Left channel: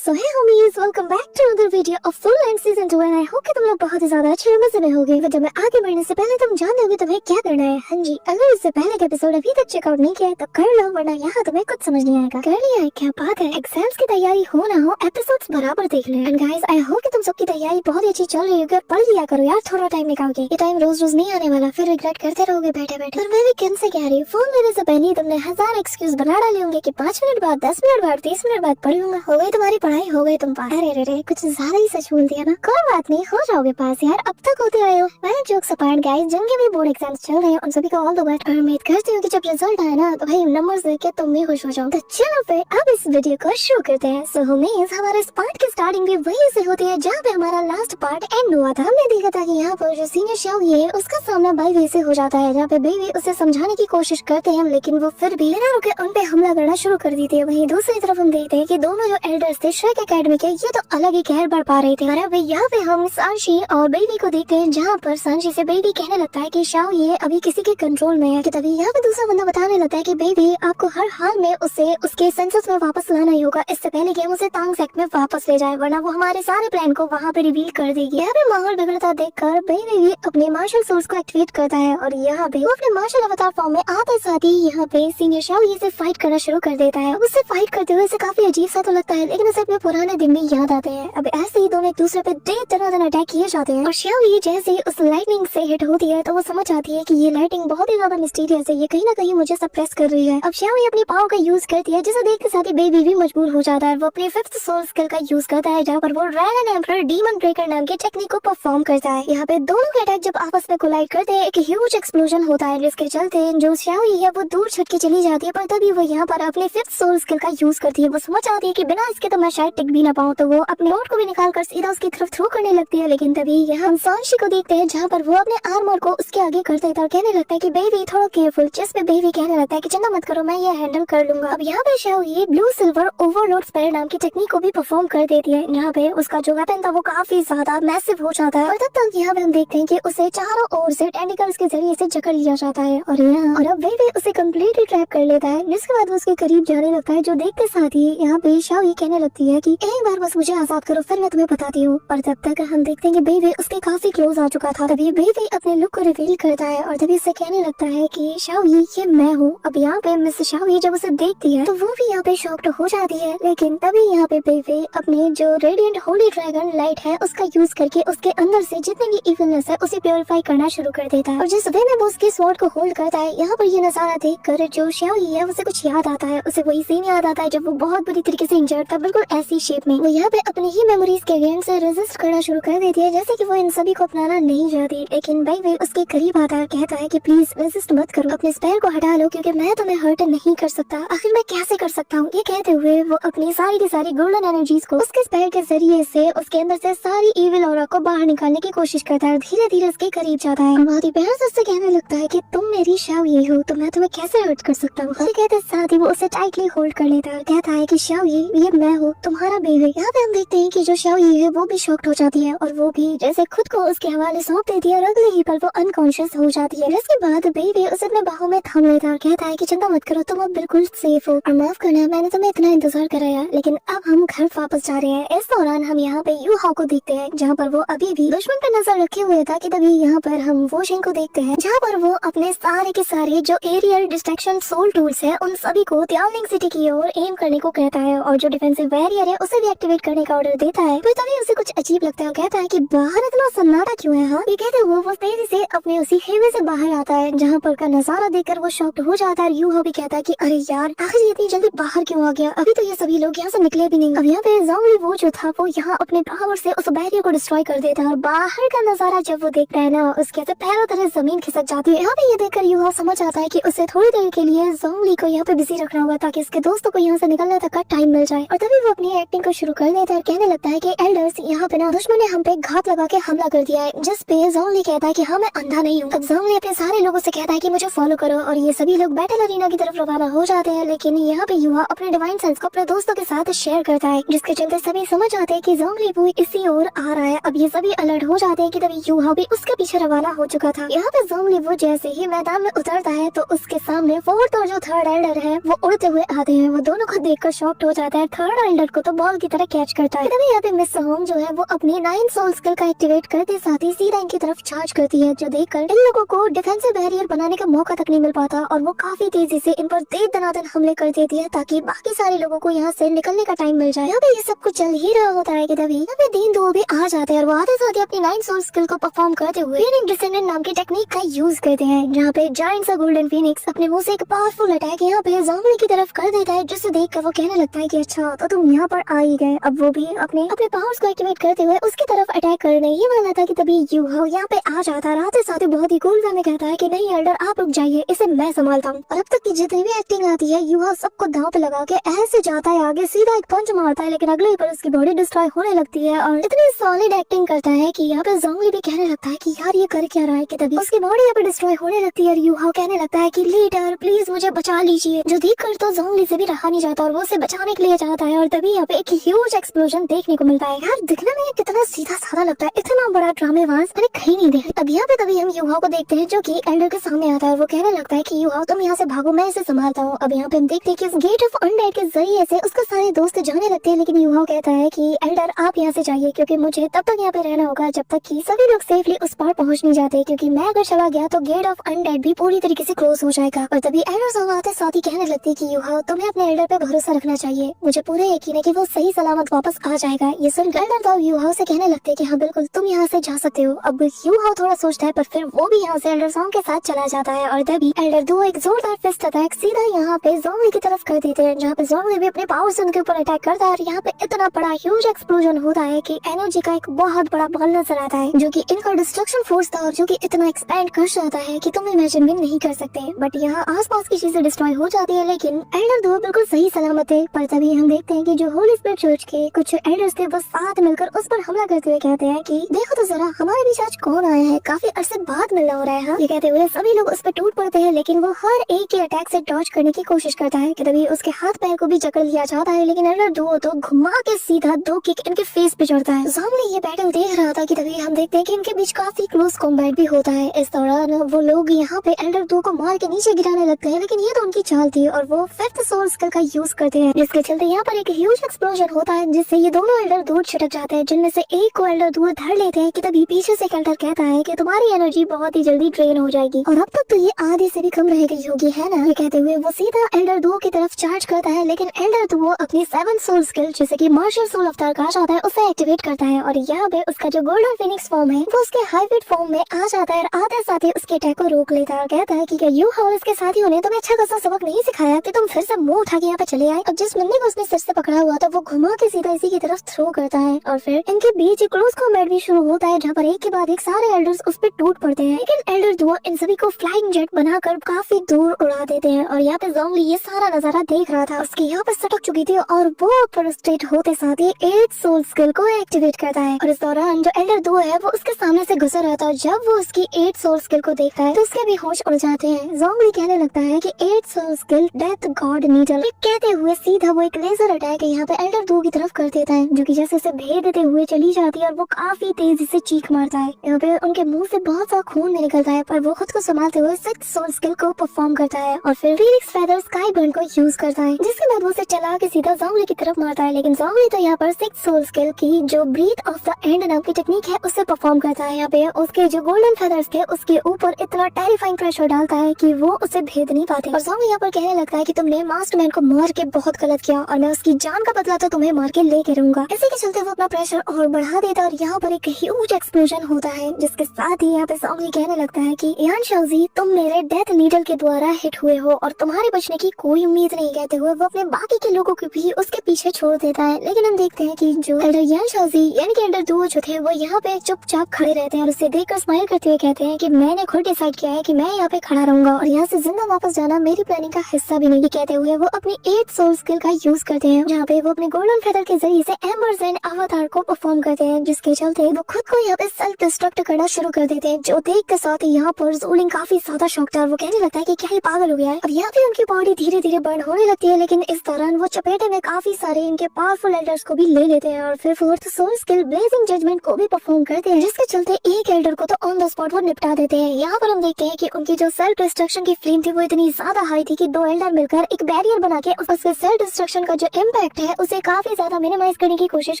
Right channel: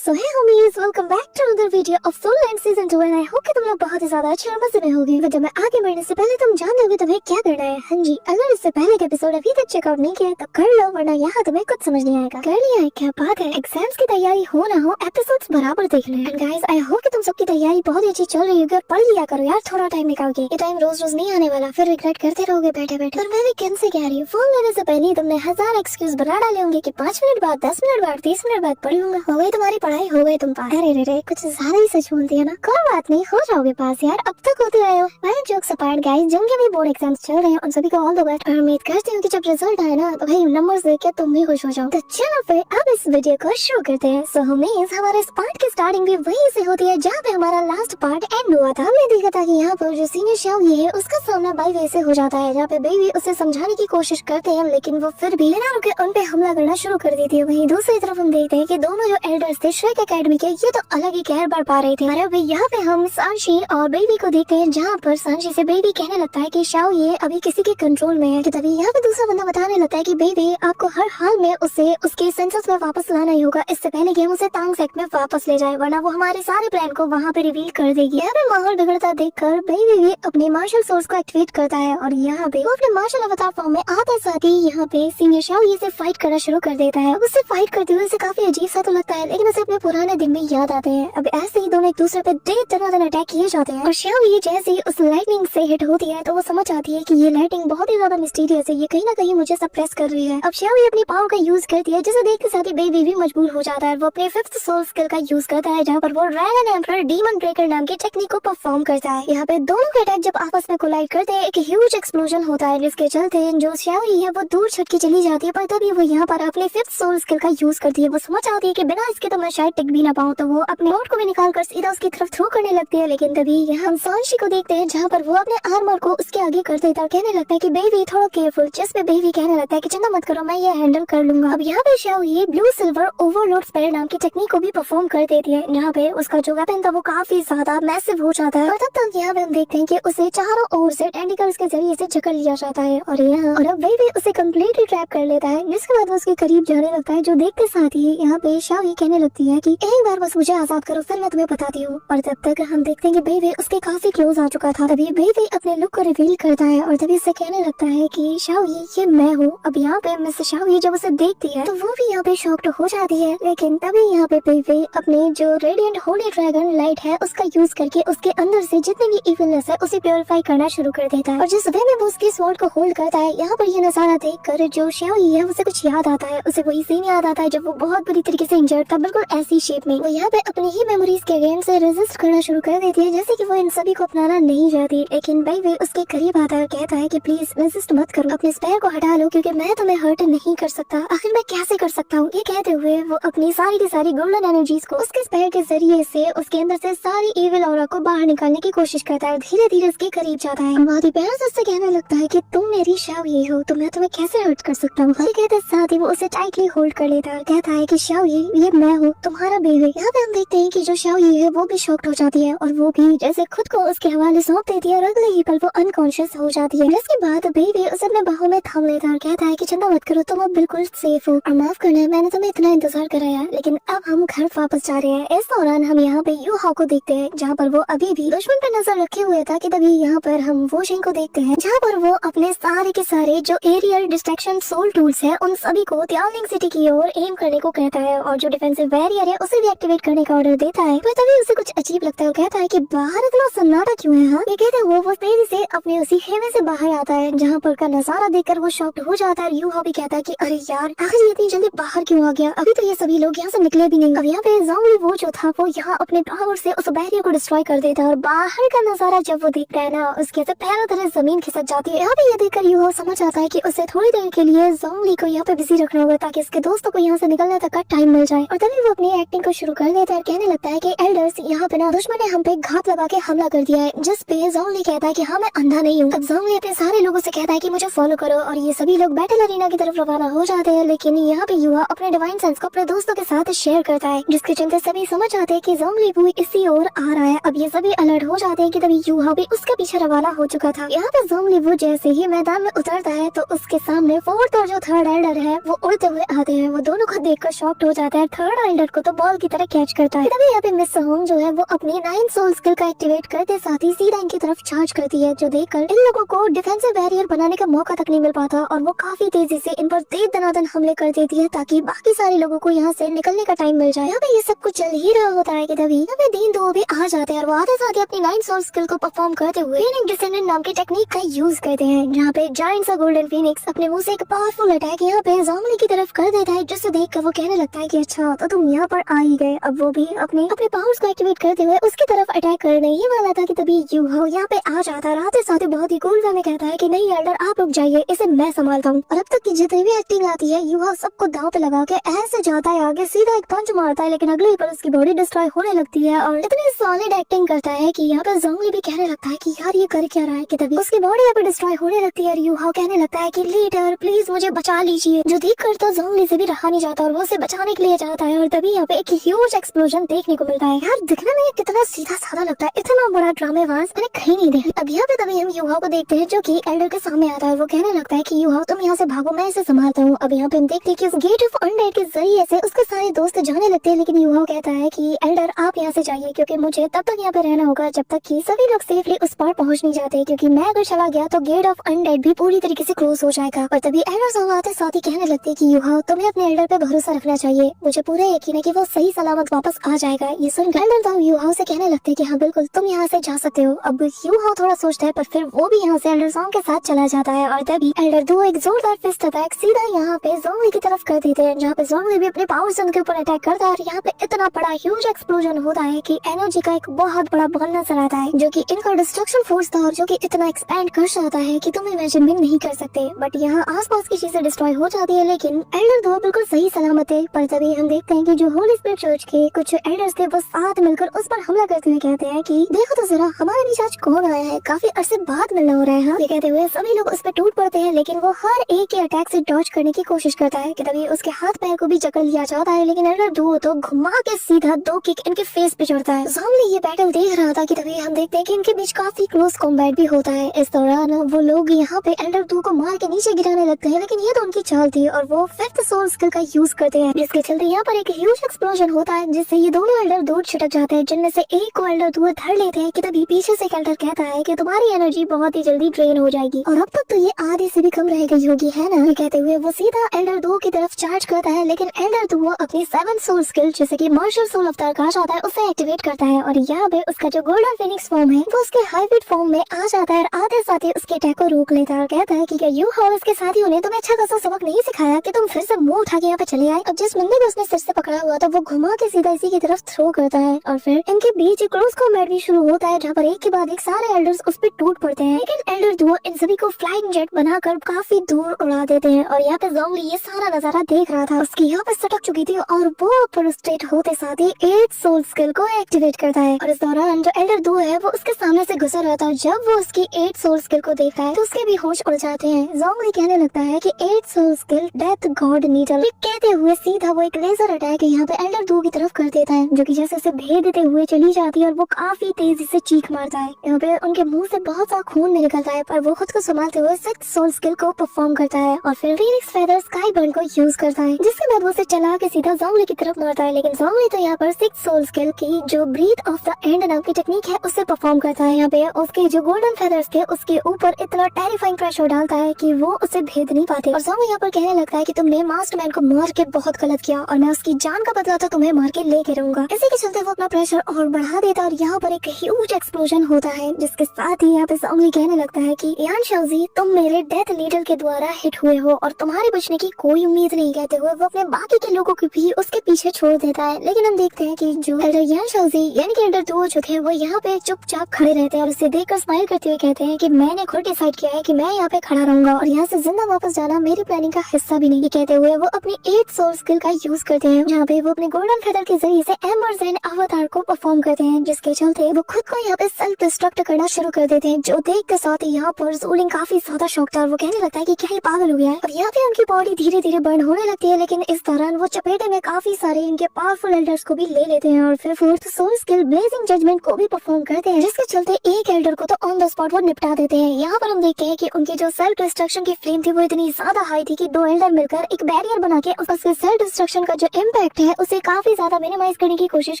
So hey homies, welcome back to another video of Soul Land season 2 and I hope कि तुम लोग बहुत ही ज्यादा अच्छे मजे में होगे। वीडियो में आगे बढ़ने से पहले तुम जान दोगे तुम्हें क्या करना है। हाँ जी, अगर इससे पहले का एपिसोड अभी तक चेकआउट नहीं किया है तो कर लो, वरना यहाँ तुम्हें कुछ समझ नहीं आएगा। कर लिया है, क्या बात है। एग्जाम्स की तैयारी हो ना हो, एपिसोड्स बराबर देख ले। एंड गाइस, आई होप कि तुम सबकी तैयारी बहुत ही अच्छी चल रही होगी। पढ़ लिया करो यार, थोड़ा टाइम निकाल के। ये टाइम रोज रोज नहीं आने वाला, फिर रिग्रेट करते रहोगे बैठे बैठे। और मैं भी किन से कह रही हूँ, फोन लेने से पहले तुमने हजार एक्सक्यूज बना डाले होंगे कि 5 मिनट बाद, 10 मिनट बाद, 30 मिनट बाद पढ़ूंगा। हो गई तुम्हारी पढ़ाई, हो गई तुम पास। अरे रे, कुछ ज्यादा ही सच बोल दिया ना। कोई बात नहीं, हो जाओगे पास यार, अब तक होते रहे हो। मैं जोक्स अपार्ट गाइस, जिनके भी बोर्ड एग्जाम्स चल रहे हैं उन सभी को ऑल द बेस्ट। और उम्मीद करती हूँ कि जब रिजल्ट आए ना तो भाई नंबर्स देख के तुम भी खुश हो जाओ। तो चलो फिर अब इस वीडियो को शुरू करते हैं। सो होमीज, हमारे इस पार्ट की स्टार्टिंग भी वही से होती है जहाँ पे हमारा लास्ट पार्ट एंड हुआ था। हमने देखा था कि यहाँ पर जो सीनियर शाओ ये है उसका सामना बाई वे से हो जाता है, जहाँ पे बेबी उसे समझाने की कोशिश करते हैं लेकिन वो फिर भी बिना रुके उन पे हमला करना शुरू कर देती है। वहीं दूसरी तरफ हम देखते हैं कि दोनों जो एल्डर्स थे श्रेक एकेडमी के, ये तो अलग ही कहर बढ़ पा रहे थे। अरे भाई, यहाँ पे हम सांशी और बेबी को देखते हैं, जहाँ पर सांशी से बेबी कहने लगता है कि शाओ ये अभी किसी के कंट्रोल में है। कि तभी यहाँ पे दूसरा बंदा बताने लगता है कि बेबी आपको हर हाल में उसे उसके सेंसेस में वापस लाना ही होगा, इससे पहले कि हम उसे तांग सेक्ट में वापस ले जाए, वरना वो हमारे सारे प्लान को वहाँ पे रिवील कर देगी। यहाँ पे माहौल बिगड़ता देखकर बेबी भी अपने मार्शल सोर्स को एक्टिवेट करता है और यहाँ पे वो अपने मार्शल अवतार फॉर्म में आते साथ ही यहाँ पे सीनियर शाओ ये से फाइट करना शुरू कर देता है। उससे फाइट करते हुए उसे काफी अजीब सा तो लगता है, लेकिन उसे अपने पुराने दिन में याद आते हैं। अब ऐसे ही दोनों एक दूसरे पे ढेर तरह अटैक किए जाते हैं और शाओ ये जैसे उस लाइटनिंग से हिट होती है तो वो समझ आती है कि ये लाइटिंग बहुत ही ज्यादा मिस्टीरियस है, ये कहीं ना कहीं मुझे सप्रेस कर रही है। अब शाओ ये अपनी पावर का यूज करती है, जिसे देख के साथ ही बेबी भी मजबूर हो जाता है। वो अपने 5th सोल स्किल का यूज करता है, जहाँ पर वो ड्रैगन एम्परर डीमन ब्रेकर नाम के टेक्निक को परफॉर्म करता है। यहाँ पे दोनों के अटैक जब आपस में कोलाइड करते हैं, एक ह्यूज एक्सप्लोजन होता है, जिसके चलते जो शाओ है वो दूर छटके चली जाती है। पर तभी वो यहाँ पर अपने 5th सोल स्किल का यूज करती है। वो समझ आती है कि बिना इसके तो मैं शायद टिक भी ना पाऊँ, तो वो अपने नोट को भी निकाल कर सीधा उसकी तरफ थ्रो करने लगती है। लेकिन तभी यहाँ हम सांशी को देखते हैं, जहाँ पर वो अपने आर्मर को उसके आगे कर देता है और कहने लगता है कि बेबी थोड़ा केयरफुल। जिसमें बेबी कहने लगता है कि चिंता मत करो, मैं ये हैंडल कर लूंगा। अब यहाँ पे शाओ ये ब्लू सिल्वर ओवरलोड स्पेल नाम की टेक्निक को भी परफॉर्म कर देती है, जहाँ पे उसका जो वेपन था वो काफी ज्यादा मैसिव हो जाता है। और तब तक यहाँ पे हम देखते हैं कि उसे चारों ओर से टेंटिकल्स के जरिए से जकड़ लिया जाता है और अब बेबी उसे कम्प्लीटली ट्रैप कर लेता है। जिसके बाद वो उसके करीब जाने लगता है, जो देखते साथ ही यहाँ पे शाओ ये कहने लगती है कि एक बार बस मुझे आजाद करो, फिर मैं तुम्हें बताती हूँ। और तब तक हम देखते हैं कि बेबी उसके काफी क्लोज आ चुका था। तभी बेबी अपने लुक को रिवील करता है और तभी उसे कहने लगता है कि शाओ ये मैं हूँ। अब यहाँ पे मिस शाओ जब उसे देखती है तो वो भी यहाँ पे शॉक्ड हो जाती है, लेकिन तभी यहाँ पे बेबी अपने जो रेडिएंट होली ड्रैगन लाइट है उसका यूज करके उसके अंदर से जितने भी इविलनेस है उसे प्योरीफाई करना शुरू कर देता है। और जिस वे में वो उसके स्वॉर्ड को होल्ड करता है, यहाँ पर ये नजारा देख कर जो शाओ है उसे कुछ याद आता है। उसे वही सीन याद आता है जब वो बहुत बुरी तरीके से इंजर्ड था, बिल्कुल ऐसी शेप में। वो यहाँ पे अपनी ही मेमोरीज के अगेंस्ट से रेजिस्ट करना शुरू कर देती है, जैसे कि वो इन सभी को अपनाना नहीं चाहती। लेकिन बेबी उसके करीब आता है, कहता है कि प्लीज रेजिस्ट मत करो, अपने स्पेयर को हटा लो, क्योंकि मैं तुम्हें हर्ट नहीं कर सकता। आखिर मैं कैसे कर सकता हूँ? ये कहते हुए वो अपनी सारी की सारी गोल्डन एनर्जीज को उसके स्पेयर के जरिए से उसके अंदर से सारी इविल ऑरा को बाहर निकालने की कोशिश करता है। धीरे धीरे उसके करीब जाता है और बहुत ही प्यार से उससे कहने लगता है कि तुम मेरी शाओ ये हो, तो मैं तुम्हें कैसे हर्ट कर सकता हूँ। कहते साथ ही वो उसे टाइटली होल्ड कर लेता है, कहता है कि शाओ ये मैं हूँ, तुम्हारा बेबी। यहाँ पे हम देखते हैं कि जो शाओ है वो भी शॉक्ड हो जाती है और वो भी जैसे खुद को उसके हवाले सौंप देती है और अगले ही पल वो अनकॉन्शियस हो जाती है। इसके बाद बेबी उसे अपने बाहों में थाम लेता है और कहता है कि चिंता मत करो, तुम अब बिल्कुल सेफ हो और माफ करना मैंने तुम्हें इतना इंतजार कराया, लेकिन अब हम घर वापस जा रहे हैं। इस दौरान हम यहाँ पे यू हाओ को देखते हैं, जहाँ पर वो अभी भी दुश्मन पे नजर रखे हुए था। कि तभी यहाँ पर हम वो शेंग को देखते हैं, जहाँ पर वो अपने सारे के सारे जो एरियल डिस्ट्रैक्शन सोल टूल्स है उन सभी को त्याओलिंग सिटी की ओर एम करने को कहता है और जो डिफेंसिव बैरियर है उसे भी एक्टिवेट करने का ऑर्डर देता है। फिर तभी उसे कुछ अजीब लगता है, कहता है कि बाहर इतना सन्नाटा क्यों है। हाँ, ये कहते हुए वो तेजी से अपने उसी खेमे से बाहर आता है, जहाँ पर का नजारा देखकर वो शॉक्ड हो जाता है। यू भी कहता है कि अरे यार, आखिर इतनी जल्दी बाहर क्यों आ गया? अभी तो ये सभी लोग यहाँ से निकले भी नहीं। अब यहाँ पे ज़ॉम्बी वो जो था वो यहाँ अपने पावर से उस बैरियर को डिस्ट्रॉय कर देता है और बाहर का नजारा जब वो देखता है ना, उसके तो पैरों तले जमीन खिसक जाती है। यहाँ पे ये देखकर यू समझ आता है कि उसे थोड़ी देर के लिए ज़ॉम्बी को यहाँ पे बिजी रखना होगा, ताकि उसके दोस्तों को यहाँ से निकलने तक का टाइम मिल जाए। और तभी वो अपनी एक्टिंग को शुरू कर देता है, कहने लगता है कि एल्डर्स, यहाँ पे ना दुश्मन ने हम पे घात लगा के हमला कर दिया है। जिस पे ज़ॉम्बी कहता है कि हाँ मैं अंधा नहीं हूँ। अब ज़ॉम्बी अपने सारे लोगों से कहता है कि मुझे फॉलो करो और ये सभी लोग बैटल अरीना की तरफ रवाना हो जाते हैं। लेकिन यहाँ पे युवा अपने डिवाइन सेंस को अपने दोस्तों के साथ शेयर करता है, जिसके चलते सभी समझ आते हैं कि ज़ॉम्बी भी इसी ओर आ रहा है। अब ये सभी अलर्ट हो जाते हैं कि तभी युवा भी उसके पीछे रवाना हो चुका था। यहाँ पे ज़ॉम्बी जैसे ही मैदान में उतरता है तो उसके सामने फोर्थ और जो थर्ड एल्डर है वो उड़ते हुए आते हैं। वो दोनों को देखकर शॉक्ड हो जाता है। थर्ड एल्डर एल्डर को तो बॉल की तरह कैच करता है। तभी यहाँ पे मिस होम जो है वो अपनी 9 सोल स्किल का एक्टिवेट करते साथ ही सीधा इनकी तरफ चार्ज करती है, जो देखकर इन लोगों को डिफेंसिव बैरियर बनाने का मौका तक नहीं मिल पाता और वो काफी तेजी से इन पर दे दनादन हमले कर देती है ताकि बाकी सारे लोगों को यहाँ से निकलने का टाइम मिल जाए। यहाँ पे ये सब कुछ चल ही रहा होता है कि तभी यहाँ पे दीन दो भी आ जाते हैं और वो आते साथ ही अपनी 9 सोल स्किल को परफॉर्म करते हुए फीनिक्स डिसेंडेंट नाम की टेक्निक का यूज करते हैं, जहाँ पे जायंट सा गोल्डन फीनिक्स अपने मुंह से एक पावरफुल अटैक यहाँ पे ज़ॉम्बी की तरफ कर देता है, जिससे देखकर वो कहने लगता है कि अच्छा तो तुम यहाँ पर आ ही गए। अब वो भी अपने पावर्स को एक्टिवेट करते हुए उसकी तरफ अटैक करने ही वाला था कि तभी यूहो यहाँ पे आ जाता है। आते साथ बहुत ही कूल वे में कहता है कि नहीं एल्डर आप रुक जाइए, इसे मैं संभालता हूँ। और अब तक की जितनी भी एक्टिंग आती है यूहो सबको दांव पे लगा के ऐसे जाता है आगे, सीधा एक पंच मारता है, लेकिन अगले ही पर उसकी बॉडी डिस्ट्रॉय होने लगती है और इतनी सॉलिड एक्टिंग करता है कि यहाँ पे ज़ॉम्बी भी कहने लगता है कि यार ये कर क्या रहा है, कि तभी उसकी बॉडी यहाँ पे डिस्ट्रॉय होने लगती है। यूहो कहने लगता है कि लीडर प्लीज मुझे बचा लीजिए, जो देख कर तो ज़ॉम्बी से भी रहा नहीं जाता और वो उसे बचाने के लिए जाता है। और तभी यहाँ पे एक ह्यूज एक्सप्लोजन देखने को मिलता है। यार दिखने में कितना सीधा साधा लगता है, इतना बड़ा ड्रामेबाज मैंने कहीं नहीं देखा। अब यहाँ पे तभी हम यूहो को देखते हैं जो कि एल्डर के सामने आता है। वो कहने लगता है कि यूहो तुम यहाँ से भागो, मैं इसे संभालता हूँ। अब यहाँ पे हम देखते हैं कि उस गेट ऑफ अनडेड के जरिए से उसका सारे दोस्त जाने लगते हैं, लेकिन यूहो कहता है कि एल्डर आप यहाँ से जाइए, क्योंकि मुझे तब तक यहाँ पे रहना होगा जब तक कि सभी लोग सेफली उस पर पहुँच नहीं जाते, क्योंकि मैं अगर चला गया तो गेट ऑफ अनडेड भी पूरी तरीके से क्लोज हो जाएगा। और तभी एल्डर सब आते साथ ही कहने लगते कि यूहो तुम्हें अपने एल्डर पे भरोसा रखना चाहिए, मुझे पूरा यकीन है कि वो सही सलामत वापस आ जाएगा। ये सुन एल्डर तो यूहो से कहने लगते कि हाँ बिल्कुल तुम यहाँ से जा सकते हो। अब यूहो थोड़ा सोचता है पर फिर वो भी यहाँ से एल्डर सॉन्ग के साथ चला जाता है और तभी एल्डर दो एक जोरदार फिस्ट अटैक सीधा यहाँ पे ज़ॉम्बी की तरफ कर देते हैं, जहाँ पे ज़ॉम्बी भी अपने पावर से उनके ऊपर अटैक करता है और यहाँ पे इतना बड़ा ह्यूज एक्सप्लोजन होता है कि एनर्जी का एक बहुत बड़ा बॉल नजर आता है, जो कि इनका डिस्ट्रक्शन फोर्स था और जो कि इतना एक्सपैंड कर जाता है कि तुम इमेजिन भी नहीं कर सकते। बट यहाँ आसपास की चीजें डिस्ट्रॉय हो जाती है, लेकिन एल्डर दो बिल्कुल सही सलामत है। पर तभी हम देखते हैं कि जो होली स्पिरिट चर्च के कुछ एल्डर्स थे वो साथ मिलकर उस पर हमला करते हुए कहते हैं कि देखो तो जरा हमारे बीच आज कौन आया है, काफी अरसे बाद मिलना हो रहा है। ये कहते हुए सभी लोग उस पर टूट पड़ते हैं, लेकिन वो हर एक के अटैक से डॉज करने की कोशिश करता है कि तभी उसके हाथ पैर को भी जकड़ लिया जाता है, लेकिन एल्डर दो तो घुमा के सीधा दो किक इनके फेस पे चढ़ता है। ज़ॉम्बी ये बैटल देख रहा था कि तभी हम देखते हैं कि इनके बीच काफी क्लोज कॉम्बैट भी होता है। इस दौरान वो लोग यहाँ पे एल्डर दो को मार के नीचे गिराने लगते हैं, लेकिन ये तो उनकी चाल थी और वो फिफ्थ सोल स्किल का यूज करते हैं, जिसके चलते यहाँ पर एक ह्यूज एक्सप्लोजन होता है, जिससे ये दोनों एल्डर दो छिटक जाते हैं, जिनमें से एक को एल्डर दो धर लेते हैं कि तभी पीछे से एल्डर कहता है कि तुम्हारी एनर्जी बहुत ही जल्दी ड्रेन हो जाएगी और अब तक तो ये आधी से भी कम रह गई होगी, है ना। ये कहते हुए वो सीधा एल्डर दो की तरफ चार्ज करता है, लेकिन एल्डर दो अपनी 7 सोल स्किल जैसे कि मार्शल सोल अवतार कहा जाता है उसे एक्टिवेट करता है और यहाँ पे उसका जो गोल्डन फिनिक्स फॉर्म है वो उसके हाइब्रिड फॉर्म में आ जाता है और आधे साथ ही उसके अटैक को रोक लेता है। कहता है कि क्या यू और उसके साथियों ने तुम्हें अच्छा खासा सबक नहीं सिखाया कि तुम फिर से मुंह उठा के यहाँ पे चले आए। अब जिस बंदे को उसने सर से पकड़ा हुआ था वो घुमा के सीधा इसी की तरफ थ्रो करता है और फिर इनके बीच एक क्लोज कॉम्बैट भी शुरू होता है, जहाँ पर एक के बाद एक सारे एल्डर्स उस पर टूट पड़ते हैं, लेकिन एल्डर दो इन सभी को फ्लाइंग जेट बनाकर काफी दूर उड़ा देते हैं। और यहाँ पे ज़ॉम्बी ये सारा नजारा देख रहा था, उसकी यहाँ पे सटक चुकी थी और वो ऊपर स्टेट होते साथ ही 8 सोल स्किल को एक्टिवेट करता है और इस दौरान जो एल्डर दो है वो उसके सामने से गुजर रहा था। जब वो उसकी 8 सोल स्किल को देखता है तो उसके भी होश उड़ जाते हैं। ज़ॉम्बी कहने लगता है कि 8 soul skill death god needle कहते हुए सीधा वो एक लेजर अटैक यहाँ पे एल्डर दो की तरफ कर देता है, जो कि जैसे उसे भेद देते हुए चली जाती है और वो काफी तेजी से चीख मारता है। यहाँ पे उनके मुंह से बहुत सारा खून निकलता है, पर वो खुद को संभालते हुए 6 सोल स्किल को परफॉर्म करता है और फिर फीनिक्स फेदर स्काई बर्न को यूज करता है, जिसके बाद वो उसे चला के सीधा ज़ॉम्बी की तरफ मारता है। लेकिन ज़ॉम्बी तो यहाँ पर 6 सोल स्किल की जो ब्रीथ ऑफ द एंड नाम की टेक्निक है उससे परफॉर्म करता है। यहाँ पे उसके जो गोल्डन फेदर्स थे उसके ऊपर इतना टेरिफाइंग प्रेशर डालता है कि वो उसे भेद नहीं पाते और ज़ॉम्बी यहाँ पर कहने लगता है कि तुमने मास्टरमैन को मार के बहुत गलत किया और मैं उसकी जान का बदला तो तुम्हें मार के लेके रहूंगा। इसी के चलते वो अपना प्रेशर और बढ़ा देता है और यहाँ पर एक ह्यूज एक्सप्लोजन होता है, जिसके साथ ही यहाँ पे ज़ॉम्बी कहने लगता है कि यान शाओजी तुम मेरे डेथ नीडल के द्वारा हिट हुए हो और तुम्हारे बचने की कोई उम्मीद नहीं। कहते हुए वो अपने बाकी के लोगों को भी उसके पीछे छोड़ देता है, लेकिन हम देखते हैं कि जो एल्डर यान शाओजी यानी कि एल्डर दो जो थे वो यहाँ पे चुपचाप खड़े रहते हैं और उसे देखकर स्माइल करते हुए कहते हैं कि मैंने खुद डिसाइड किया है कि मैं यहाँ पे खड़ा रहूंगा और यहाँ से जिंदा वापस जाना मेरी प्लानिंग का हिस्सा भी नहीं। कहते हुए वो अपनी 8 सोल स्किल का यूज करते हैं, जहाँ पे वो अपने गोल्डन फेदर के जरिए से एम्बर्स एंड अवतार को परफॉर्म करते हैं, जिसके चलते वो खुद को यहाँ पे सेल्फ डिस्ट्रक्ट करना शुरू कर देते हैं, जो देख के साथ ही यहाँ पर ज़ोलिंग काफी ज्यादा शॉक था और वो कहने लगता है कि क्या ये पागल हो गया है। और यहाँ पे उनकी बॉडी धीरे धीरे बर्न होने लगती है, लेकिन इस दौरान वो चपेटे में काफी सारे इनके पावरफुल एल्डर्स को भी ले लेते हैं और फिर 4th soul skill blazing judgement को भी परफॉर्म करते हैं, जिसके चलते एक एल्डर को तो ऑन द स्पॉट वो निपटा देते हैं। यहाँ पर हम देखते हैं कि उनकी जो सेल्फ डिस्ट्रक्शन की फ्लेम थी वो इतनी ज्यादा हाई थी कि 2 एल्डर मिलकर एक बैरियर बना के उस सेल्फ डिस्ट्रक्शन का जो इम्पैक्ट इफेक्ट है उसे काफी ज्यादा मिनिमाइज करने की कोशिश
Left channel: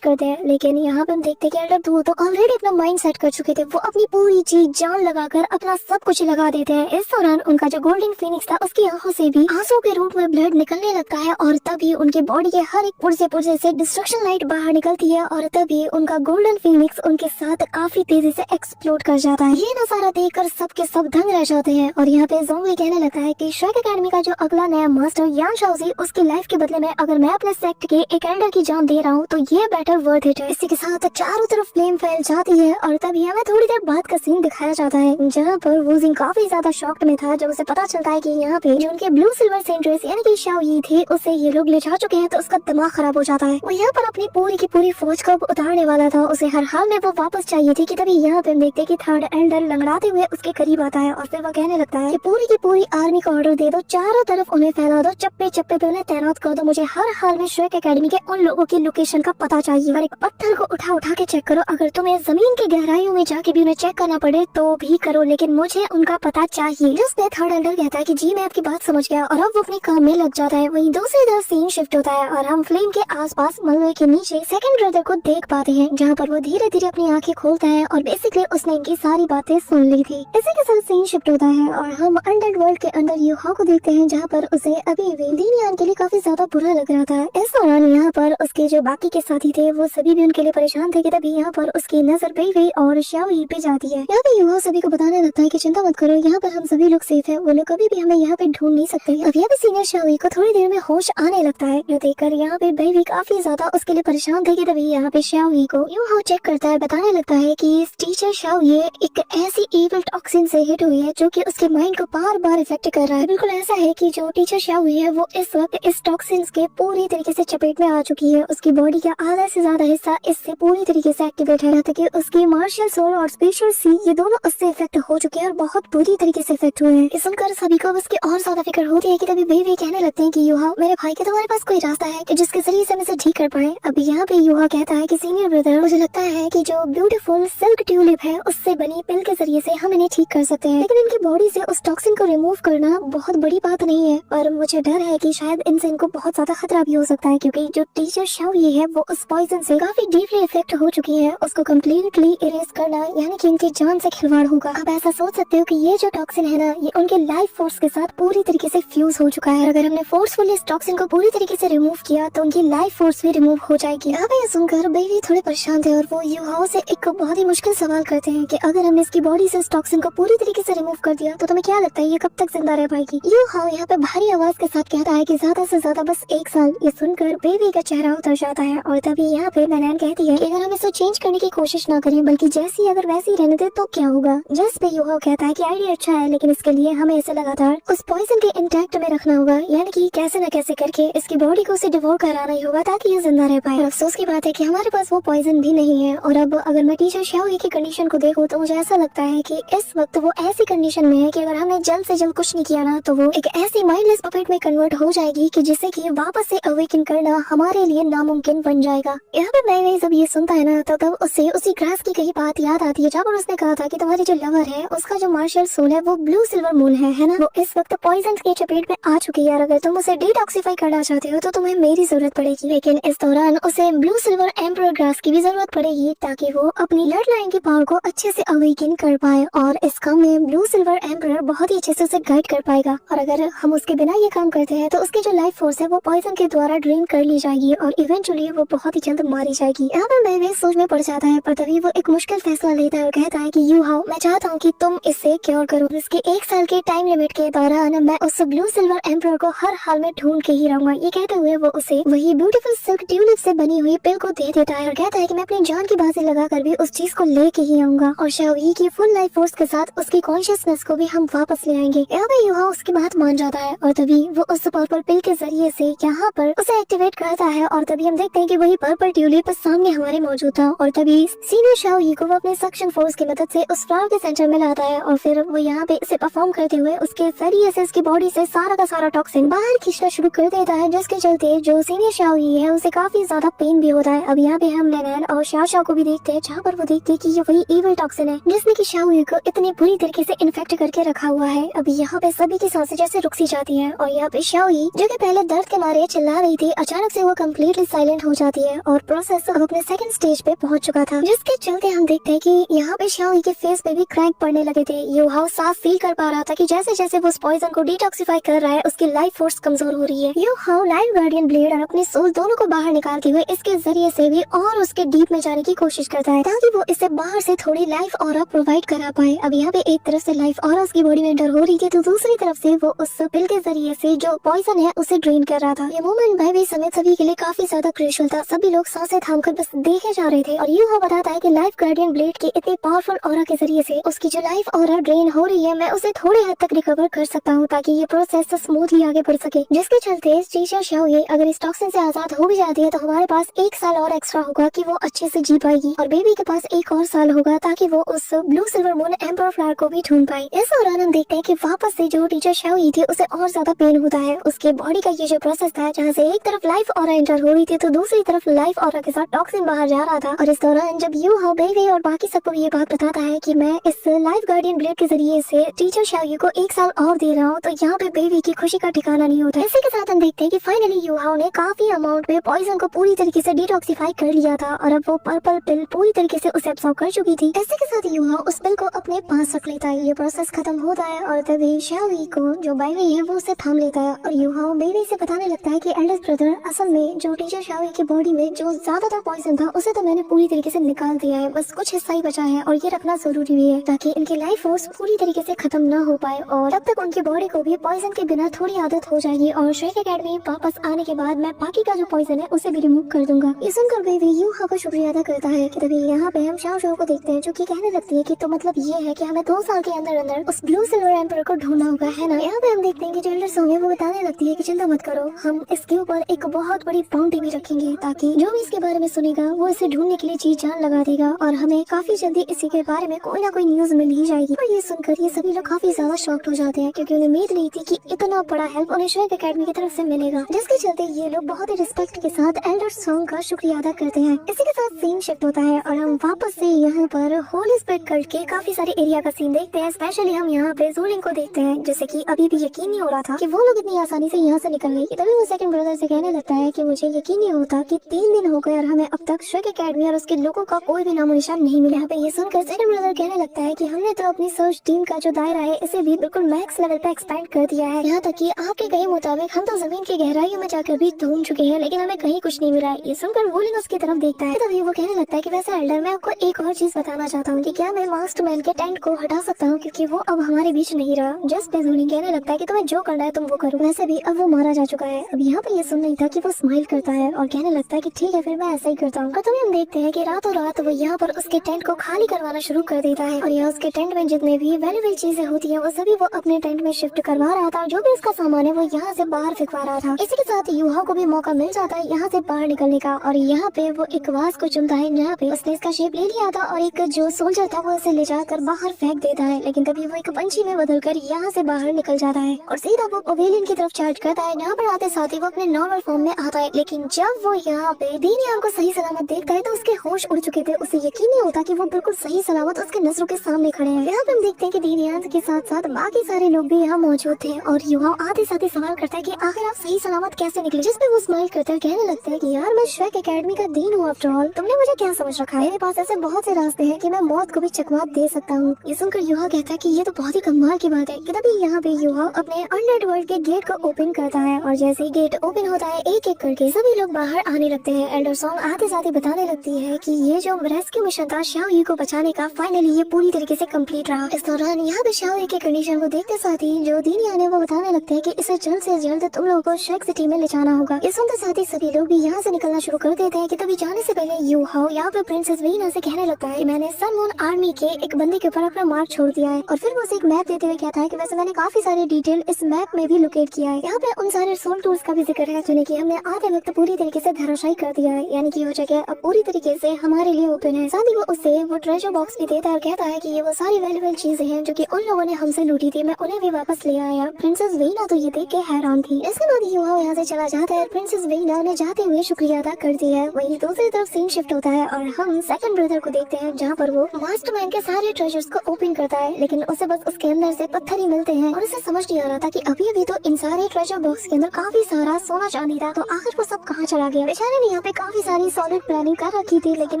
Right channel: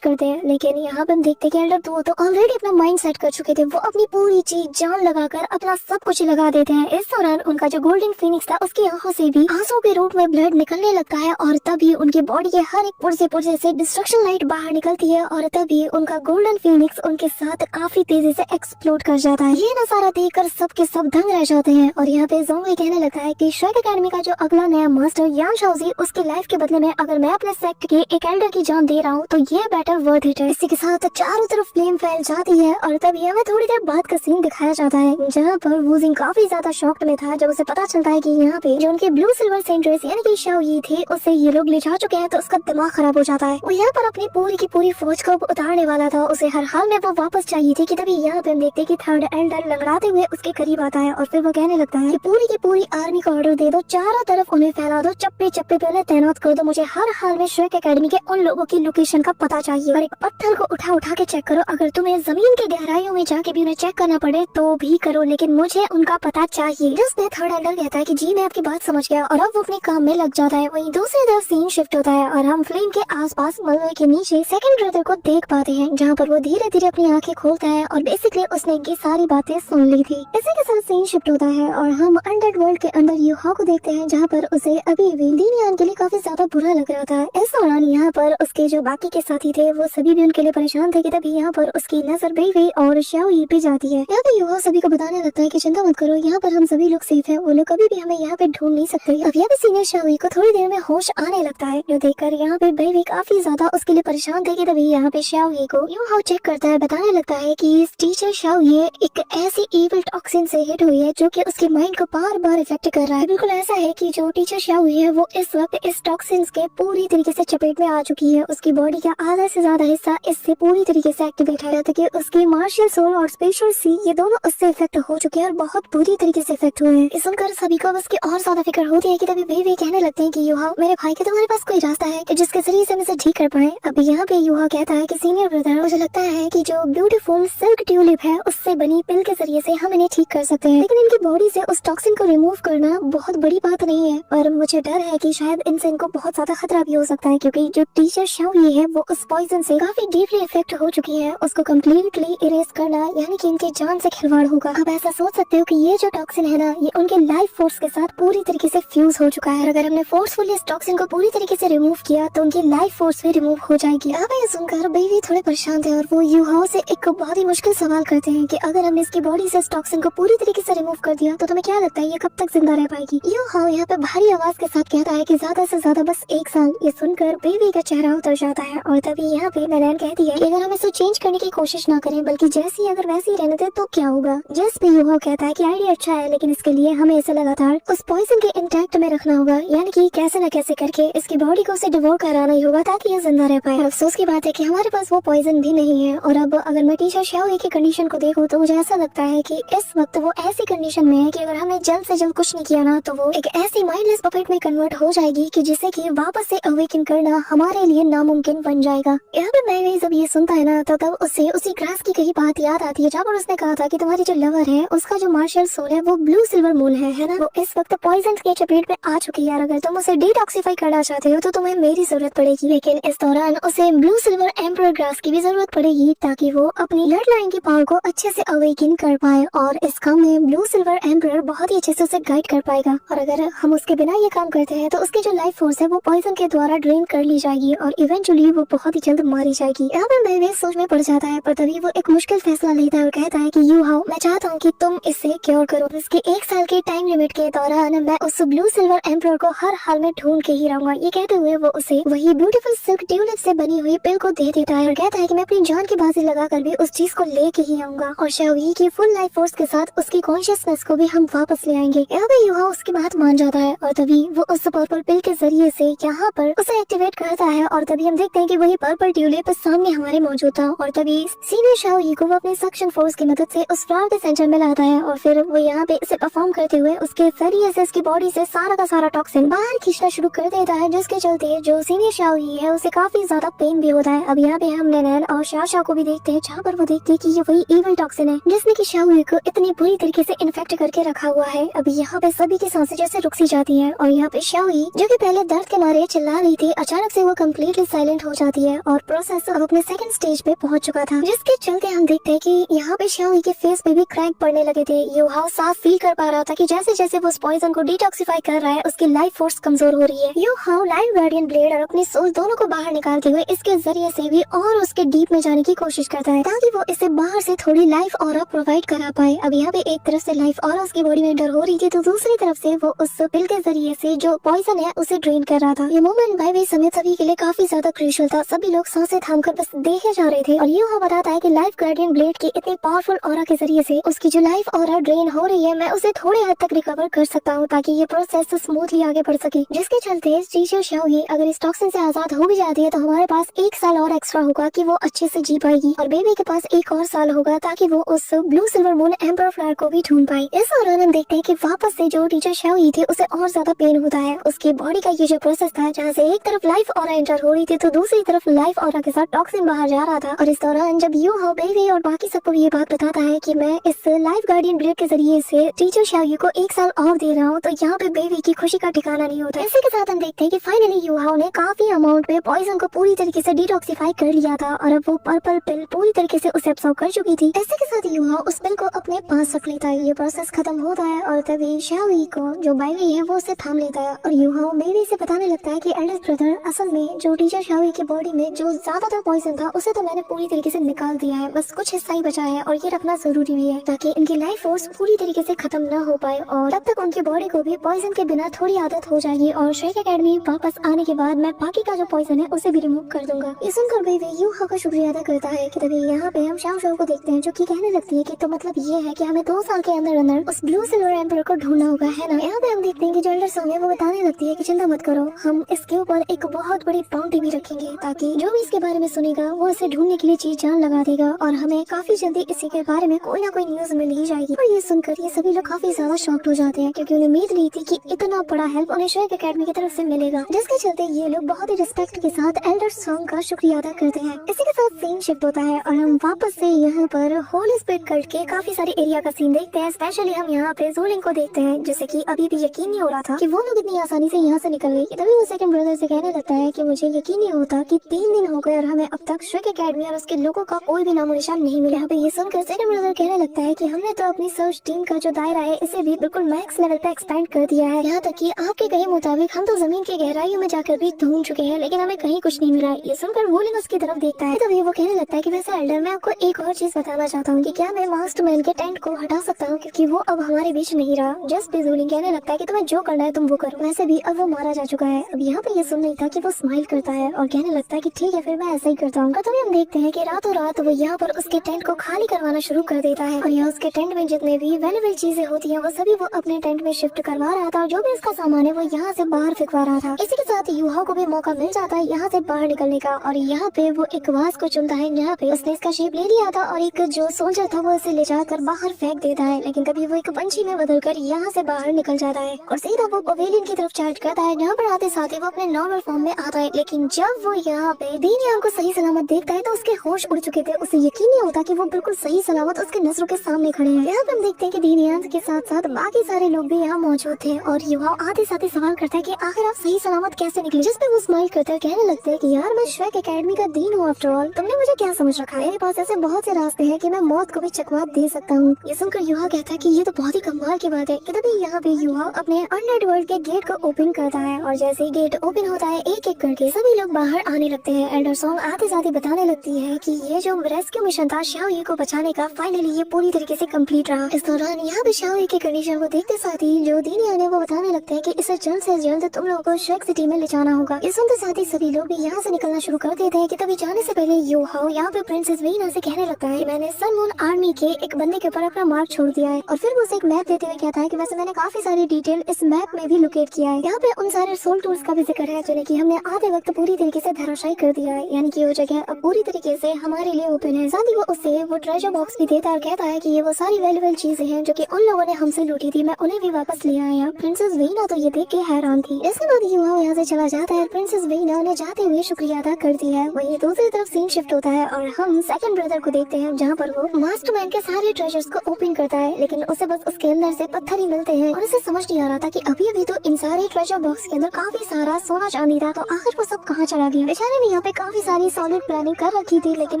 करते हैं, लेकिन यहाँ पे हम देखते हैं कि एल्डर 2 तो ऑलरेडी अपना माइंड सेट कर चुके थे। वो अपनी पूरी चीज जान लगाकर अपना सब कुछ लगा देते हैं। इस दौरान उनका जो गोल्डन फिनिक्स था उसकी आंखों से भी आंसू के रूप में ब्लड निकलने लगता है और तभी उनके बॉडी के हर एक पुर्जे से डिस्ट्रक्शन लाइट बाहर निकलती है और तभी उनका गोल्डन फिनिक्स उनके साथ काफी तेजी से एक्सप्लोड कर जाता है। ये नजारा देखकर सबके सब दंग रह जाते हैं और यहाँ पे ज़ोंगी कहने लगता है कि श्रेक एकेडमी का जो अगला नया मास्टर यान शाओजी, उसकी लाइफ के बदले में अगर मैं अपने सेक्ट के एक एल्डर की जान दे रहा हूँ तो ये बेटर वर्थ इट है। इसी के साथ चारों तरफ फ्लेम फैल जाती है और तभी हमें थोड़ी देर बाद का सीन दिखाया जाता है जहाँ पर वो जिन काफी ज्यादा शॉक्ड में था जब उसे पता चलता है कि यहाँ पे जो उनके ब्लू सिल्वर सेंट्रेस यानी कि शाओ यी थे उसे ये लोग ले जा चुके हैं। तो उसका दिमाग खराब हो जाता है। वो यहाँ पर अपनी पूरी की पूरी फौज को उतारने वाला था, उसे हर हाल में वो वापस चाहिए थी कि तभी यहाँ पे देखते कि थर्ड एल्डर लंगड़ाते हुए उसके करीब आता है और फिर वो कहने लगता है कि पूरी की पूरी आर्मी को ऑर्डर दे दो, चारों तरफ उन्हें फैला दो, चप्पे चप्पे पे उन्हें तैनात कर दो। मुझे हर हाल में श्रेक एकेडमी के उन लोगों की लोकेशन का पता चाहिए और एक पत्थर को उठा उठा के चेक करो। अगर तुम्हें जमीन की गहराइयों में जाके भी उन्हें चेक करना पड़े तो भी करो, लेकिन मुझे उनका पता चाहिए। जिसमें थर्ड एल्डर कहता है कि जी मैं आपकी बात समझ गया और अब वो अपने काम में लग जाता है। वहीं दूसरी तरफ सीन शिफ्ट होता है और हम फ्लेम के आसपास मलबे के नीचे सेकंड ब्रदर को देख पाते हैं जहाँ पर वो धीरे धीरे अपनी आंखें खोलता है और बेसिकली उसने इनकी सारी बातें सुन ली थी। इसी के साथ सीन शिफ्ट होता है और हम अंडर वर्ल्ड के अंदर यूहा को देखते हैं जहाँ पर उसे अभी वेल्डिनियन के लिए काफी ज्यादा बुरा लग रहा था। इस दौरान यहाँ पर उसके जो बाकी के साथी थे वो सभी भी उनके लिए परेशान थे कि तभी यहाँ पर उसकी नजर बेबी और शाओ यी पे जाती है। यहाँ पे यूहा सभी को बताने लगता है कि चिंता मत करो, यहाँ पर हम सभी लोग सेफ हैं, वो लोग कभी भी हमें यहाँ पे ढूंढ नहीं सकते। अब यहाँ पे सीनियर शाओ यी को थोड़ी देर में होश आने लगता है जो देखकर यहाँ पे बेबी काफी ज्यादा उसके लिए परेशान थे कि तभी यहाँ पे शाओ यी को यूहा चेक करता है, बताने लगता है कि इस टीचर शाओ यी एक ऐसी एविल टॉक्सिन से हिट हुई है जो कि उसके माइंड को बार बार इफेक्ट कर रहा है। बिल्कुल ऐसा है कि जो टीचर शाओ यी है वो इस वक्त इस टॉक्सिन के पूरी तरीके से चपेट में आ चुकी है। उसकी बॉडी का आधा से ज्यादा हिस्सा इससे पूरी तरीके से एक्टिवेट है, ताकि उसकी मार्शल सोल और स्पेशल सी ये दोनों उससे इफेक्ट हो चुके हैं और बहुत बुरी तरीके से इफेक्ट हुए हैं। इस सुनकर सभी को उसकी और ज्यादा फिक्र होती है कि तभी बेबी कहने लगते हैं कि यूहा मेरे भाई के तुम्हारे पास कोई रास्ता है कि जिसके जरिए से हम इसे ठीक कर पाए। अभी यहाँ पे यूहा कहता है कि सीनियर ब्रदर मुझे लगता है कि जो ब्यूटीफुल सिल्क ट्यूलिप है उससे बनी पिल के जरिए से हम इन्हें ठीक कर सकते हैं, लेकिन इनकी बॉडी से उस टॉक्सिन को रिमूव करना बहुत बड़ी बात नहीं है। पर मुझे डर है कि शायद इनसे इनको बहुत ज्यादा खतरा भी हो सकता है, क्योंकि जो टीचर शाओ यी है वो उस पॉइजन से काफी डीपली इफेक्ट हो चुकी है। उसको कम्प्लीटली इरेज करना यानी कि इनकी जान से खिलवाड़ होगा। अब ऐसा सोच सकते हो कि ये जो टॉक्सिन है ना ये उनके लाइफ फोर्स के साथ पूरी तरीके से फ्यूज हो चुका है। अगर हमने फोर्सफुली इस टॉक्सिन को पूरी तरीके से रिमूव किया तो उनकी लाइफ फोर्स भी रिमूव हो जाएगी। अब ये सुनकर बेबी थोड़े परेशान थे और वो यूहा से एक बहुत ही मुश्किल सवाल करते हैं कि अगर हमने इसकी बॉडी से इस टॉक्सिन को पूरी तरीके से रिमूव कर दिया तो तुम्हें क्या लगता है ये कब तक जिंदा रह पाएगी। यूहा यहाँ पे भारी आवाज के साथ कहता है कि ज्यादा से ज्यादा बस 1 साल। ये सुनकर बेबी का चेहरा उतर जाता है और तभी यहाँ पे नैनैन कहती है कि अगर हम इसे चेंज करने की कोशिश ना करें बल्कि जैसी अगर वैसी रहने दे तो क्या होगा। जिस पे यूहा कहता है कि आइडिया अच्छा है, लेकिन इसके लिए हमें इसे लगातार उस पॉइजन के इंटैक्ट में रखना होगा, यानी कि कैसे न कैसे करके इसकी बॉडी को उसे डिवोर कराना ही होगा ताकि ये जिंदा रह पाए। अफसोस की बात है कि हमारे पास वो पॉइजन भी नहीं है। और अब अगर मैं टीचर शाओ यी की कंडीशन को देखूं तो मुझे ऐसा लगता है कि इस वक्त वो ऐसी कंडीशन में है कि अगर हमने जल्द से जल्द कुछ नहीं किया ना तो वो एक ऐसी माइंडलेस पपेट में कन्वर्ट हो जाएगी कि जिससे कि वापस से अवेकन करना हमारे लिए नामुमकिन बन जाएगा। यहाँ पे मैं सब ये सुनता है ना तो तब उससे उसी ग्रास की कही बात याद आती है जहाँ पर उसने कहा था कि तुम्हारी जो लवर है उसका जो मार्शल सोल है वो ब्लू सिल्वर मून है ना, वो इस वक्त पॉइजन के चपेट में आ चुकी है। अगर तुम उसे डिटॉक्सिफाई करना चाहते हो तो तुम्हें मेरी जरूरत पड़ेगी, लेकिन इस दौरान उसे ब्लू सिल्वर एम्परर ग्रास की भी जरूरत पड़ेगी ताकि वो अपनी ब्लड लाइन की पावर को अच्छे से अवेकन कर पाए और इस काम में ब्लू सिल्वर एम्परर बहुत ही अच्छे से उसे गाइड कर पाएगा। और अगर हम उसके बिना ये काम करते हैं तो उसकी जो लाइफ फोर्स है वो पॉइजन के द्वारा ड्रेन कर ली जाएगी और इवेंचुअली वो बहुत ही जल्द मारी जाएगी। यहाँ पर मैं भी सोच में पड़ जाता है, पर तभी वो एक मुश्किल फैसला लेता है और कहता है कि यूहा मैं चाहता हूँ कि तुम इसे क्योर करो। इसके 1 साल के टाइम लिमिट के दौरान मैं उस ब्लू सिल्वर एम्परर को हर हाल में ढूंढ के ही रहूंगा। ये कहते हुए वो उसे वही ब्यूटीफुल सिल्क ट्यूलिप से बनी हुई पिल को दे देता है और कहता है कि मैं अपनी जान की बाजी लगाकर भी उस चीज को लेके ही आऊंगा और शाओ यी की फुल लाइफ फोर्स के साथ उसकी कॉन्शियसनेस को भी हम वापस ले आएंगे। यहाँ पे यूहा उसकी बात मान जाता है और तभी वो उस पर्पल पिल के जरिए से यहाँ पर उसे एक्टिवेट करता है और तभी हम देखते हैं कि वही पर्पल ट्यूलिप सामने हमारे मौजूद था और तभी सीनियर शाओ यी को वो अपने सक्शन फोर्स की मदद से उस फ्लावर के सेंटर में लाता है और फिर वो यहाँ पे इसे परफॉर्म करते हुए उसके फेरी एसेंस की बॉडी से सारा का सारा टॉक्सिन बाहर खींचना शुरू कर देता है, जिसके चलते जो सीनियर शाओ यी है उसे काफी ज्यादा पेन भी होता है। अब यहाँ पे हम नैनैन और शाओ को भी देखते हैं जहाँ पर वो देखते हैं कि ये वही इविल टॉक्सिन है जिसने की शाओ यी को इतनी बुरी तरीके से इन्फेक्ट करके रखा हुआ है। अभी यहाँ पे सभी की सांसें जैसे रुक सी जाती है और यहाँ पे शाओ यी जो कि पहले दर्द के मारे चिल्ला रही थी अचानक से वो कम्प्लीटली साइलेंट हो जाती है और प्रोसेस अब अपने सेकंड स्टेज पे पहुंच चुका था, जिसके चलते हम देखते हैं कि यहाँ पे शाओई के फेस पे भी क्रैक पड़ने लगे थे। यूहाओ साफ फील कर पा रहा था कि जैसे जैसे वो उस पॉइजन को डिटॉक्सिफाई कर रहा है उसकी लाइफ फोर्स कमजोर हो रही है। यूहाओ लाइफ गार्डियन ब्लेड और अपनी सोल दोनों को बाहर निकालते हुए इसके जरिए से भी और उसके डीप में जाने की कोशिश करता है ताकि वो इसे बाहर से थोड़ी लाइफ ऑरा प्रोवाइड करा पाए। अब यहाँ पे एक तरफ से लाइफ ऑरा उसकी बॉडी में एंटर हो रही थी तो दूसरी तरफ से वो उस पिल के जरिए से जो पॉइजन है उसे ड्रेन कर रहा था। ये मोमेंट भाई भी समेत सभी के लिए काफी ज्यादा क्रूशियल था। सभी लोग सांसें थामकर बस देखे जा रहे थे और यूहाओ बताता है कि लाइफ गार्डियन ब्लेड की इतने पावरफुल ऑरा के जरिए से उसकी जो लाइफ ऑरा ड्रेन हो रही है मैं उसे थोड़े हद तक रिकवर कर सकता हूँ ताकि ये प्रोसेस स्मूथली आगे बढ़ सके, जिसके चलते टीचर शाओई अगर इस टॉक्सिन से आजाद हो भी जाती है तो हमारे पास 1 साल और एक्स्ट्रा होगा कि वो अच्छे से जी पाएगी और बेबी के पास 1 और साल होगा ताकि वो उस blue silver moon emperor flower को भी ढूंढ पाए। इस दौरान हम देखते हैं कि वापस से जो टीचर शाओई थी उसे और ज्यादा पेन होता है। उसके बॉडी का ये जो प्रोसेस था जहाँ से एक तरफ लाइफ ऑरा एंटर हो रही थी तो दूसरी तरफ लाइफ ऑरा के साथ टॉक्सिन बाहर जा रहा था। और इस दौरान जब यूहाओ बेबी और बाकी सबको ये बात बताता है कि मैं इस लाइफ गार्डियन ब्लेड के जरिए से टीचर शाओई को 1 साल और दे रहा हूँ तो यहाँ पे बेबी की खुशी का ठिकाना नहीं होता। इसी के साथ हम देखते हैं कि फाइनली यूहाओ ने काफी अमाउंट में पॉइजन को पूरी तरीके से डिटॉक्सिफाई कर लिया था और अब वो पर्पल पिल पूरी तरीके से उसे एब्सॉर्ब कर चुकी थी। इसी के साथ यूहाओ उस पिल को अपने पास रख लेता है। ये प्रोसेस खत्म होता है और तभी शाओई को जो बेबी है वो उसे थाम लेता है और यूहाओ बेबी से बताने लगता है कि एल्डर ब्रदर असल में जो टीचर शाओई की बॉडी में जो ज्यादातर पॉइजन था उसे तो मैंने पूरी तरीके से निकाल दिया है, बस कुछ हिस्सा ही बचा है और ये रखना जरूरी भी है ताकि इनकी लाइफ फोर्स पूरी तरीके से खत्म ना हो पाए और तब तक उनकी बॉडी को भी पॉइजन के बिना थोड़ी आदत हो जाएगी और श्रेक एकेडमी वापस आने के बाद मैं बाकी का जो पॉइजन है उसे भी रिमूव कर दूंगा। ये सुनकर बेबी यूहाओ का शुक्रिया अदा करता है कि तभी यहाँ पे हम शाओ को देखते हैं जो कि कहने लगती है कि तो मतलब ये है कि हमें 2 साल के अंदर अंदर उस ब्लू सिल्वर एम्पर को ढूंढना होगा, है ना। यहाँ पे हम देखते हैं कि जो एल्डर सोंग है वो बताने लगती है कि चिंता मत करो, हम इसके ऊपर एक बहुत बड़ी बाउंड्री भी रखेंगे ताकि जो भी इसके बारे में सुनेगा वो इसे ढूंढने के लिए जी जान लगा देगा और हमें काफी जल्दी इसी के बारे में कोई ना कोई न्यूज मिल ही जाएगी। और ये सुनकर ये सभी लोग काफी ज्यादा शॉक्ड हो जाते हैं क्योंकि उन्हें उम्मीद नहीं थी कि इतना बड़ा हेल्प उन्हें श्रेक एकेडमी की तरफ से मिलेगा, जिसके चलते ये लोग बहुत ही रिस्पेक्ट के साथ एल्डर सोंग का शुक्रिया अदा करते हैं। इसी के साथ सीन शिफ्ट होता है और हम वापस से यहाँ पर होली स्प्रेड कल्ट के काफी सारे एरिया का सीन देखते हैं। स्पेशली हम यहाँ पे ज़ोलिंग को देखते हैं जैसे कि अभी भी यकीन नहीं हो रहा था कि वो लोग इतनी आसानी से यहाँ से निकल गए। तभी वो सेकंड ब्रदर से कहने लगता है कि मुझे यकीन नहीं होता कि 3 दिन हो गए और हमें अब तक श्रेक एकेडमी और उसके लोगों का कोई भी नामो निशान नहीं मिला। यहाँ पे ये सुनकर सेकंड ब्रदर कहने लगता है कि हमने तो अपनी सर्च टीम का जो दायरा है इसे भी बिल्कुल मैक्स लेवल पे एक्सपेंड कर दिया है। यहाँ तक कि आपके कहे मुताबिक हम तो जमीन की गहराइयों में जाकर भी ढूंढ चुके हैं लेकिन हमें कहीं कुछ नहीं मिला। ये सुनकर वोलिंग उसकी तरफ देखता है तभी वो कहने लगता है कि वैसे एल्डर मैं आपको एक और चीज बताना चाहता हूँ कि क्या मैं मास्टरमैन के टेंट को हटा सकता हूँ क्योंकि वो अब हमारे बीच नहीं रहा। जस्ट वोलिंग कहने लगता है कि तुम्हें जो करना है तुम वो करो, वैसे भी अब वो मारा जा चुका है। अब यहाँ पे ये सुन नहीं था कि वो स्माइल करता है और कहने लगता है कि ठीक है फिर मैं ऐसा ही करता हूँ। तभी हम देखते हैं कि रातों रात वो यहाँ पर उसके टेंट को खाली करवाना शुरू कर देता है और यहाँ उसके टेंट में जितने भी वैल्यूएबल चीजें होती है वो सभी वो अपने टेंट में शिफ्ट करवा रहा था और जो भी इसका सामान है वो यहाँ से बाहर फेंकवा रहा था। इसी के साथ यूहाओ को भी मौका मिल जाता है यहाँ से बाहर निकलने का और यहाँ पे वो एक वास को चुनता है जहाँ पे उसने इसका शेप ले लिया था और एक जो सोल्जर था वो इसे ले जाकर बाहर फेंक देता है। लेकिन तभी वो एक पंछी में बदलकर यहाँ से बाहर निकल जाता है और सीधा वो पवेलियन की तरफ चार्ज करता है जहाँ पर आते साथ ही वो अपने नॉर्मल फॉर्म में आता है। लेकिन जब वो यहाँ पे दीनियान को सही सलामत देखता है तो उसके होश उड़ चुके थे। उसे यकीन नहीं होता कि वो बिल्कुल सही सलामत उसके नजरों के सामने खड़े हैं। यहाँ पे हम देखते हैं कि दीनियान के साथ साथ बाकी सारे लोग भी यहाँ मौजूद थे और युवा आते साथ ही सवाल करता है कि आखिर आप सही सलामत कैसे निकले, जिस पे वो स्माइल करता है कहने लगता है कि यार मैं श्रेक एकेडमी का डीन हूँ आफ्टर ऑल, तुमने मुझे क्या समझ रखा है, मेरे पास ऐसे बहुत से रास्ते हैं कि मैं मौत को भी चकमा दे सकता हूँ। ये सुनकर युवा कहता है कि ये तो बहुत ही कमाल की बात है कि तभी यहाँ पे युवा अपने अंडरवर्ल्ड के गेट को ओपन करता है और जैसे ही गेट ओपन होता है एक एक करके सभी लोग बाहर आने लगते हैं। एंडर सॉन्ग आते साथ ही बताने लगती है कि ये जो रेस्क्यू मिशन था शाओई को बचाने का फाइनली ये पूरी तरीके से कंप्लीट रहा। इस दौरान यहाँ पे शाओई की कंडीशन को देखते साथ ही जो दीनिया ने वो बताने लगता है कि इसे जल्द से जल्द तुम लोगों को श्रेक सिटी में ले जाना होगा। इस सुनते साथ ही सभी लोग भी यहाँ से निकलना शुरू कर देते हैं कि तभी जाने से पहले यूहाओ यहाँ पे प्रिंसेस वीना से कहने लगता है मैंने सन मून आर्मी के एक बंदी के ऊपर अपना मार्क छोड़ दिया है और फिर वो उसे एक मैप देते हुए कहता है कि वैसे मैंने काफी सारी डिटेल इस मैप में भी लोकेट किया है। यहाँ पे उन सारे सोल टूल्स का भी जिक्र है जिन्हें कि हमने आधे वक्त पूरी तरीके से धराशायी कर दिया है, यानी कि वो जगह अब पूरी तरीके से हमारे लिए ओपन है। साथ ही वो उससे वो ट्रेजर बॉक्स भी देता है और कहता है कि ये वो सारी वैल्यूएबल चीजें हैं जो कि उन लोगों ने हमसे लूटी थी, मैं उन्हें भी वापस ले आया। प्रिंसेस वीना तो ये देख के हैरान थी। इसके बाद युवा यहाँ से चला जाता है। प्रिंसेस वीना ने जाते हुए शुक्रिया अदा कर दिया है। वही दूसरी तरफ सीन शिफ्ट होता है और हम सेकंड ब्रदर को देखते हैं जहाँ पर वो मास्टरमैन के सारे ट्रेजर्स को ओपन करता है लेकिन उसे बस उसके अंदर से पत्थर ही मिलते हैं और उसे समझ नहीं आ रहा था कि अभी अभी तो इन सारे ट्रेजर बॉक्स के अंदर काफी सारा सोना चांदी था तो आखिर वो सब कहाँ चला गया। बेचारे ने यहाँ पे काफी सारी सॉलिड प्लानिंग कर रखी थी, लेकिन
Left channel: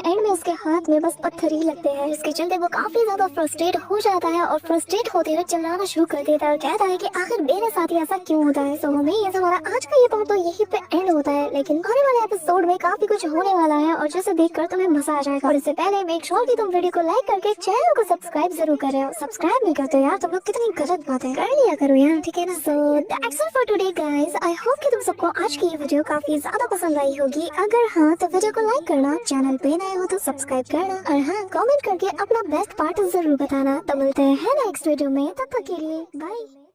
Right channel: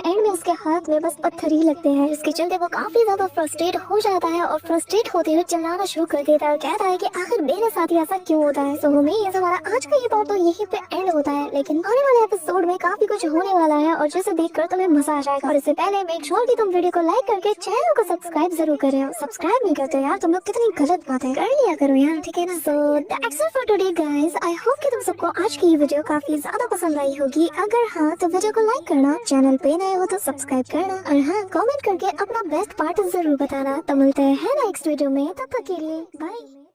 एंड में उसके हाथ में बस पत्थर ही लगते हैं, जिसके चलते वो काफी ज्यादा फ्रस्ट्रेट हो जाता है और फ्रस्ट्रेट होते हुए चिल्लाना शुरू कर देता है और कहता है कि आखिर मेरे साथ ही ऐसा क्यों होता है। सो हमें ये हमारा आज का ये पार्ट तो यही पे एंड होता है, लेकिन आने वाले एपिसोड में काफी कुछ होने वाला है और जिसे देखकर तुम्हें मजा आ जाएगा। और इससे पहले मेक श्योर कि तुम वीडियो को लाइक करके चैनल को सब्सक्राइब जरूर करें। सब्सक्राइब नहीं करते यार, तुम लोग कितनी गलत बात है, कर लिया करो यार, ठीक है ना। So that's it for today guys. I hope कि तुम सबको आज की ये वीडियो काफी ज्यादा पसंद आई होगी। अगर हाँ तो वीडियो को लाइक करना, चैनल पे नए हो तो सब्सक्राइब करना और हाँ कमेंट करके अपना बेस्ट पार्ट जरूर बताना। तो मिलते हैं नेक्स्ट वीडियो में, तब तक के लिए बाय।